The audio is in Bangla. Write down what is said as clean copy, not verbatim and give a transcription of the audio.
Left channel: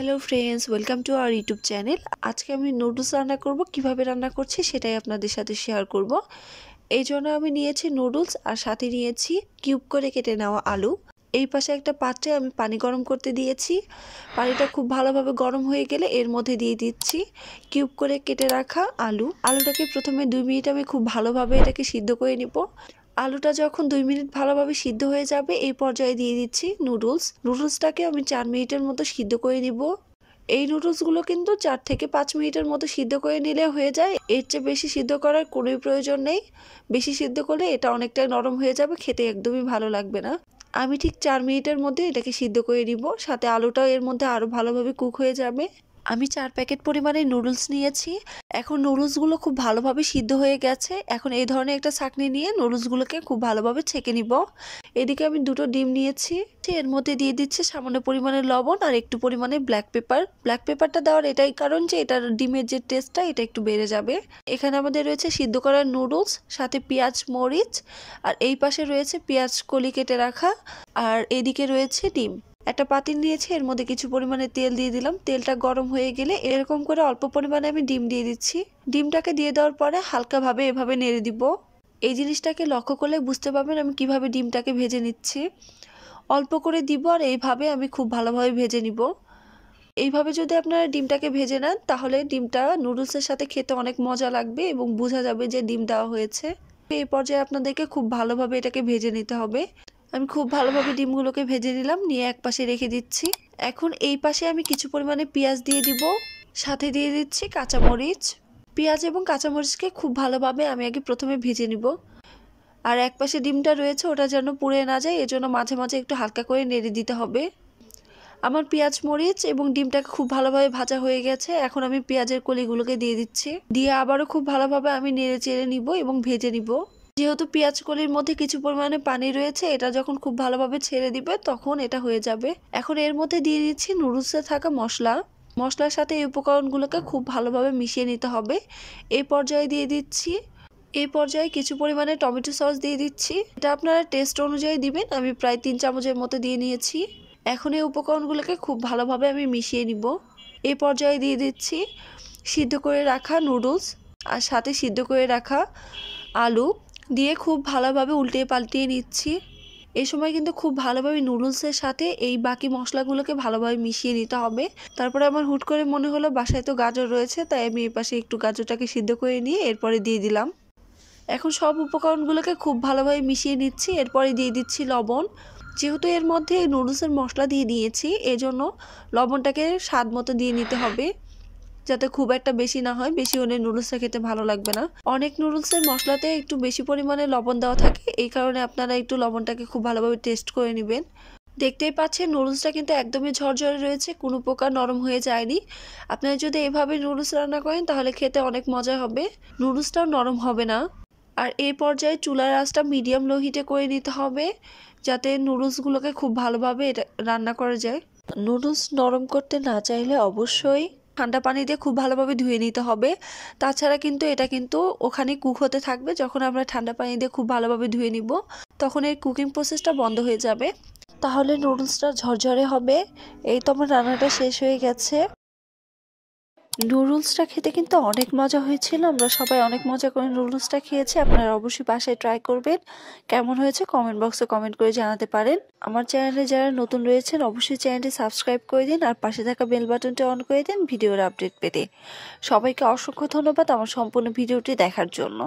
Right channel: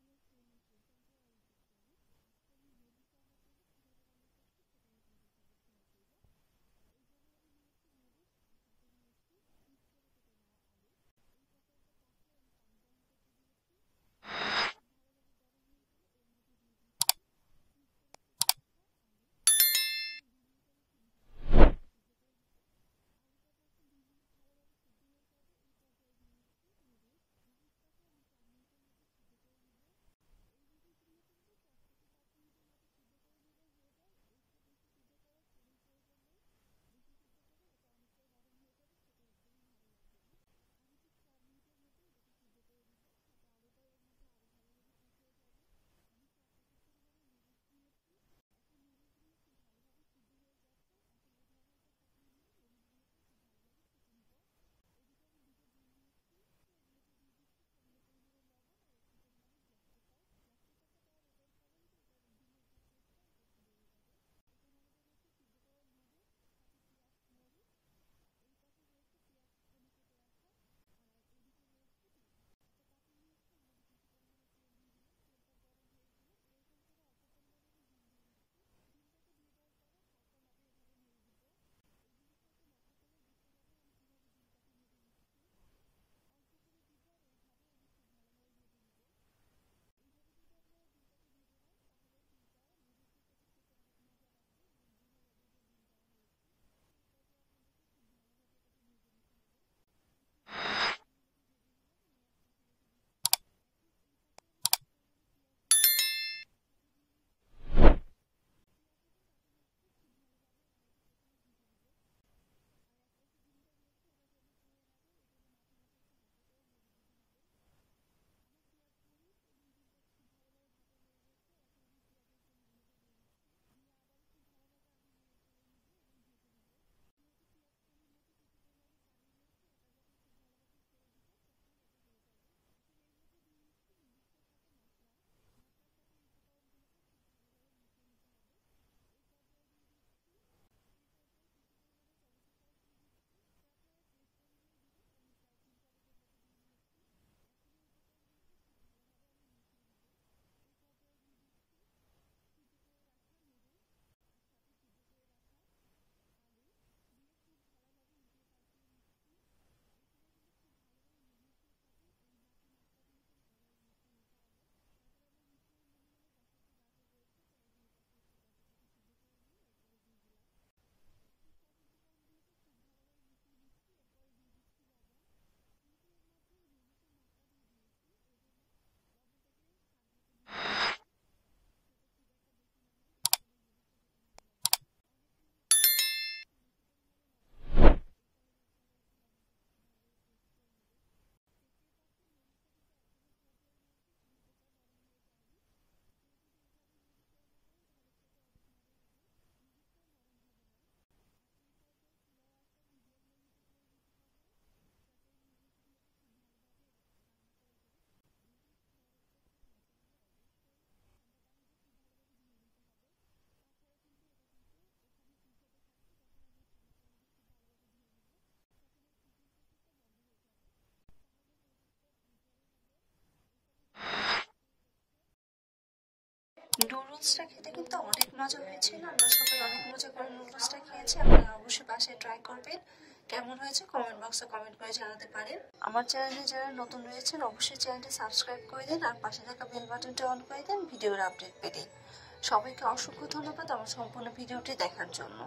Hello friends, welcome to our YouTube channel. আজকে আমি নুডলস রান্না করব। কিভাবে রান্না করছি সেটাই আপনাদের সাথে শেয়ার করব। এই জন্য আমি নিয়েছি নুডলস আর সাথে নিয়েছি কিউব করে কেটে নেওয়া আলু। এই পাশে একটা পাত্রে আমি পানি গরম করতে দিয়েছি। পানিটা খুব ভালোভাবে গরম হয়ে গেলে এর মধ্যে দিয়ে দিচ্ছি কিউব করে কেটে রাখা আলুটাকে প্রথমে 2 মিনিট আমি খুব ভালোভাবে এটাকে সিদ্ধ করে নিব। আলুটা যখন 2 মিনিট ভালোভাবে সিদ্ধ হয়ে যাবে এই পর্যায়ে দিয়ে দিচ্ছি নুডলসটাকে আমি 4 মিনিটের মতো সিদ্ধ করে নিব। এই নুডলসগুলো কিন্তু 4 থেকে 5 মিনিটের মতো সিদ্ধ করে নিলে হয়ে যায়। এর চেয়ে বেশি সিদ্ধ করার কোনো প্রয়োজন নেই। বেশি সিদ্ধ করলে এটা অনেকটাই নরম হয়ে যাবে, খেতে একদমই ভালো লাগবে না। আমি ঠিক 4 মিনিটের মধ্যে এটাকে সিদ্ধ করে নিব, সাথে আলুটাও এর মধ্যে আরও ভালোভাবে কুক হয়ে যাবে। আমি 4 প্যাকেট পরিমাণে নুডলস নিয়েছি। এখন নুডলসগুলো খুব ভালোভাবে সিদ্ধ হয়ে গেছে। এখন এই ধরনের একটা ছাঁকনি নিয়ে নুডলসগুলোকে খুব ভালোভাবে ছেঁকে নিব। এদিকে আমি 2টো ডিম নিয়েছি। এর মধ্যে দিয়ে দিচ্ছি সামান্য পরিমাণে লবণ আর একটু পরিমাণে ব্ল্যাক পেপারটা দেওয়ার এটাই কারণ যে এটার ডিমের যে টেস্টটা এটা একটু বেড়ে যাবে। এখানে আমাদের রয়েছে সিদ্ধ করা নুডলস, সাথে পেঁয়াজ মরিচ, আর এই পাশে রয়েছে পেঁয়াজ কলি কেটে রাখা, আর এদিকে রয়েছে ডিম। একটা পাতিল নিয়েছি, এর মধ্যে কিছু পরিমাণে তেল দিয়ে দিলাম। তেলটা গরম হয়ে গেলে এরকম করে অল্প পরিমাণে আমি ডিম দিয়ে দিচ্ছি। ডিমটাকে দিয়ে দেওয়ার পরে হালকাভাবে এভাবে নেড়ে দিব। এই জিনিসটাকে লক্ষ্য করলে বুঝতে পারবেন আমি কিভাবে ডিমটাকে ভেজে নিচ্ছি। অল্প করে দিব আর এইভাবে আমি খুব ভালোভাবে ভেজে নিব। এইভাবে যদি আপনারা ডিমটাকে ভেজে নেন তাহলে ডিমটা নুডলসের সাথে খেতে অনেক মজা লাগবে এবং বোঝা যাবে যে ডিম দেওয়া হয়েছে। এই পর্যায়ে আপনাদেরকে খুব ভালোভাবে এটাকে ভেজে নিতে হবে। আমি খুব ভালোভাবে ডিমগুলোকে ভেজে নিলাম, নিয়ে এক পাশে রেখে দিচ্ছি। এখন এই পাশে আমি কিছু পরিমাণে পেঁয়াজ দিয়ে দিব, সাথে দিয়ে দিচ্ছি কাঁচামরিচ। পেঁয়াজ এবং কাঁচামরিচকে খুব ভালোভাবে আমি আগে প্রথমে ভেজে নিব। আর এক পাশে ডিমটা রয়েছে ওটা যেন পুড়ে না যায়, এজন্য মাঝে মাঝে একটু হালকা করে নেড়ে দিতে হবে। আমার পেঁয়াজ মরিচ এবং ডিমটাকে খুব ভালোভাবে ভাজা হয়ে গেছে। এখন আমি পেঁয়াজের কলিগুলোকে দিয়ে দিচ্ছি, দিয়ে আবারও খুব ভালোভাবে আমি নেড়ে চেড়ে নিব এবং ভেজে নিব। যেহেতু পেঁয়াজ কলির মধ্যে কিছু পরিমাণে পানি রয়েছে, এটা যখন খুব ভালোভাবে ছেড়ে দিবে তখন এটা হয়ে যাবে। এখন এর মধ্যে দিয়ে দিচ্ছি নুডলসে থাকা মশলার সাথে এই উপকরণগুলোকে খুব ভালোভাবে মিশিয়ে নিতে হবে। এই পর্যায়ে কিছু পরিমাণে টমেটো সস দিয়ে দিচ্ছি। এটা আপনারা টেস্ট অনুযায়ী দিবেন। আমি প্রায় 3 চামচের মতো দিয়ে নিয়েছি। এখন এই উপকরণগুলোকে খুব ভালোভাবে আমি মিশিয়ে নিব। এই পর্যায়ে দিয়ে দিচ্ছি সিদ্ধ করে রাখা নুডলস আর সাথে সিদ্ধ করে রাখা আলু দিয়ে খুব ভালোভাবে উল্টিয়ে পাল্টিয়ে নিচ্ছি। এই সময় কিন্তু খুব ভালোভাবে নুডলসের সাথে এই বাকি মশলাগুলোকে ভালোভাবে মিশিয়ে নিতে হবে। তারপরে আমার হুট করে মনে হলো বাসায় তো গাজর রয়েছে, তাই আমি এই পাশে একটু গাজরটাকে সিদ্ধ করে নিয়ে এরপরে দিয়ে দিলাম। এখন সব উপকরণগুলোকে খুব ভালোভাবে মিশিয়ে নিচ্ছি। এরপরে দিয়ে দিচ্ছি লবণ। যেহেতু এর মধ্যে নুডলসের মশলা দিয়ে দিয়েছি, এজন্য লবণটাকে স্বাদ মতো দিয়ে নিতে হবে, যাতে খুব একটা বেশি না হয়। বেশি হলে নুডলসটা খেতে ভালো লাগবে না। অনেক নুডলসের মশলাতে একটু বেশি পরিমাণে লবণ দেওয়া থাকে, এই কারণে আপনারা একটু লবণটাকে খুব ভালোভাবে টেস্ট করে নেবেন। দেখতেই পাচ্ছেন নুডলসটা কিন্তু একদমই ঝরঝরে রয়েছে, কোনো প্রকার নরম হয়ে যায়নি। আপনারা যদি এভাবে নুডলস রান্না করেন তাহলে খেতে অনেক মজা হবে, নুডলসটাও নরম হবে না। আর এই পর্যায়ে চুলার আঁচটা মিডিয়াম লো হিটে করে নিতে হবে, যাতে নুডলসগুলোকে খুব ভালোভাবে রান্না করা যায়। নুডলস নরম করতে না চাইলে অবশ্যই ঠান্ডা পানি দিয়ে খুব ভালোভাবে ধুয়ে নিতে হবে। তাছাড়া কিন্তু এটা কিন্তু ওখানে কুক হতে থাকবে। যখন আমরা ঠান্ডা পানি দিয়ে খুব ভালোভাবে ধুয়ে নিব তখন এই কুকিং প্রসেসটা বন্ধ হয়ে যাবে, তাহলে নুডলসটা ঝরঝরে হবে। এই তো আমার রান্নাটা শেষ হয়ে গেছে। নুডলসটা খেতে কিন্তু অনেক মজা হয়েছিল। আমরা সবাই অনেক মজা করে নুডলসটা খেয়েছি। আপনারা অবশ্যই বাসায় ট্রাই করবেন। কেমন হয়েছে কমেন্ট বক্সে কমেন্ট করে জানাতে পারেন। আমার চ্যানেলে যারা নতুন রয়েছেন অবশ্যই চ্যানেলটি সাবস্ক্রাইব করে দিন আর পাশে থাকা বেল বাটনটি অন করে দিন ভিডিওর আপডেট পেতে। সবাইকে অসংখ্য ধন্যবাদ আমার সম্পূর্ণ ভিডিওটি দেখার জন্য।